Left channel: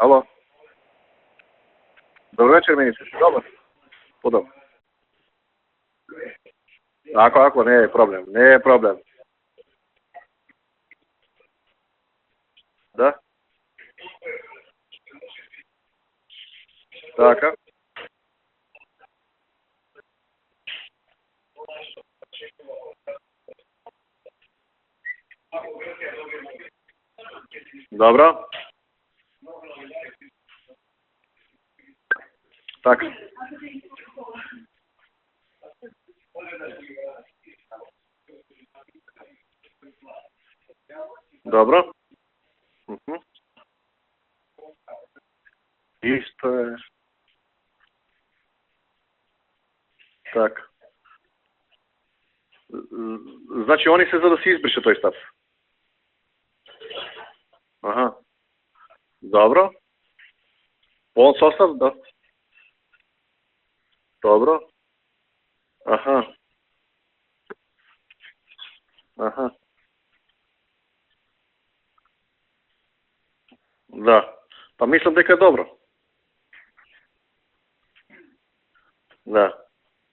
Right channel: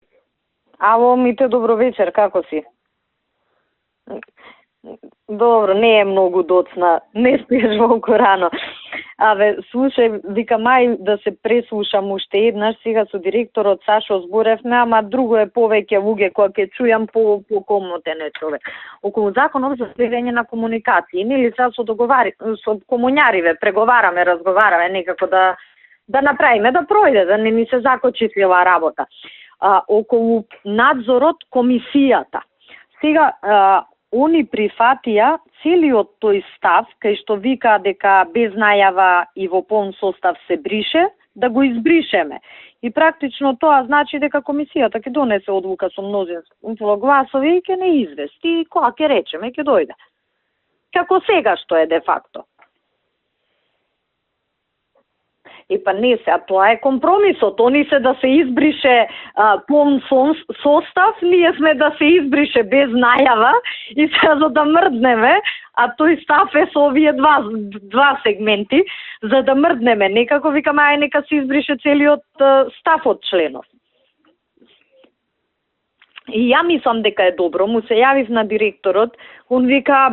Ало. Ало, Мите, добро вечер, како Добро вечер, министер. Добро. Подобро. Добро, не е многу доцна. Ако не е проблем. Рано. Не е проблем. Аве, слушај, вика мај да се преслушам уште еднаш, сега Да. со директорот Сашо зборевме, ама друго е повеќе луѓе кои ќе чујам по комотен е човек. Околу законот за следење на комуникации, нели сега со комуњариве, преговараме, разговараме некако да направиме да пројде, да не ни се закочи цела работа. Околу надзорот комисијата. Така. Сега, они прифатија целиот тој став, кај што вика дека без најава и во полн состав се брише, да го избришеме. И практично тоа значи дека комисијата ќе донесе одлука со множество гласови и ќе не извести, која ќе речеме, ќе дојде. Така. Како сега што е де факто. Значи, они се за да се избрише тој став. Па не се, а тоа е компромисот. Они се да се избрише полн состав, ние сме да се избрише без најава и се за да мрднеме, а тој став е со овие два сегменти, за да мрднеме. Некако викаме, ај нека се избрише целиот став од членов. Да, па мислам дека е добро. И ја мислам дека е добро, му се јавив на директорот, он вика,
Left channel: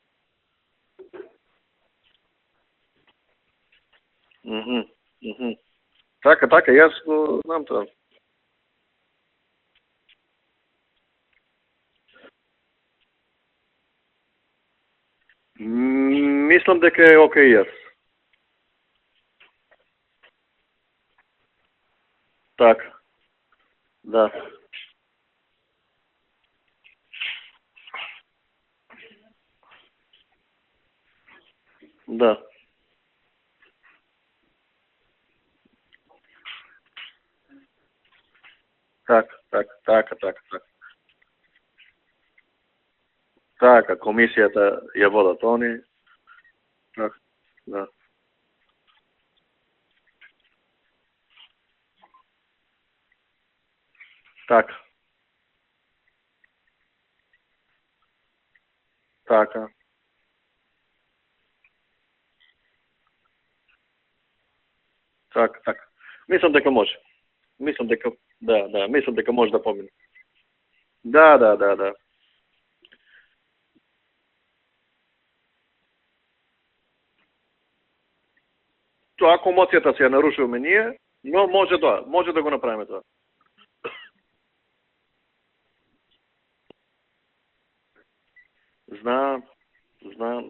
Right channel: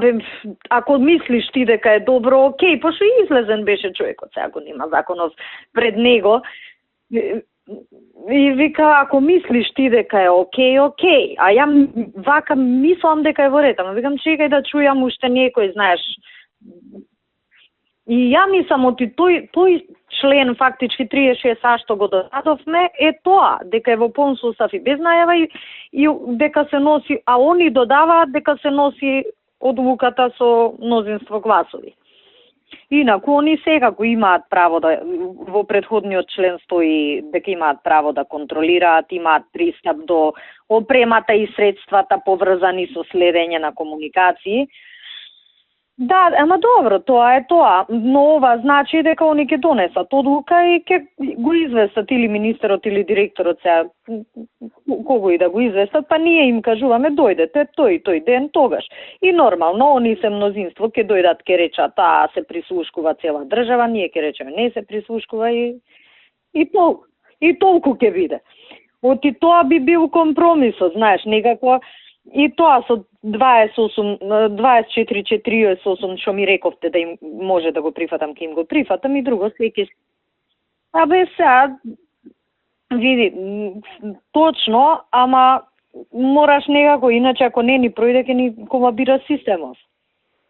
ако мислиш ти дека е добро, окей, пошто излезен беше човекот сега на законот пред него. Така, јас знам тоа. И вика, ако мислиш ти дека е окей, а ја вака мислам дека е во ред, ама викам чекај да чујам уште некој, знаеш. Мислам дека е окей јас. И ја мислам оти тој член фактички 36а што го додадовме е тоа, дека е во полн состав и без најава и дека се носи, а они додаваат дека се носи одлуката со мнозинство гласови. Да. Инаку они секако имаат право да во претходниот член стои дека имаат право да контролираат, имаат пристап до опремата и средствата поврзани со следење на комуникации. Комисијата ја водат они. Да, ама добро, тоа е тоа. Но ова значи дека они ќе донесат одлука и ќе го известат или министерот или директорот сега. Така. Кого и да го известат, па ние им кажуваме дојдете тој ден тогаш. И нормално, они се мнозинство, ќе дојдат, ќе речат, се прислушкува цела држава, ние ќе речеме не се прислушкува и мислам дека може. И толку ќе биде. Да, мислам дека може. Тоа би бил компромисот, знаеш, некако. И тоа со 24-48 што ми рековте да им може да го прифатам, ќе им го прифатам и ако моцијата се ја нарушуваме ние, но може да го направиме тоа. Види, точно, ама мораш некако, иначе ако не ни пројде ќе ни колабира системот. Знам.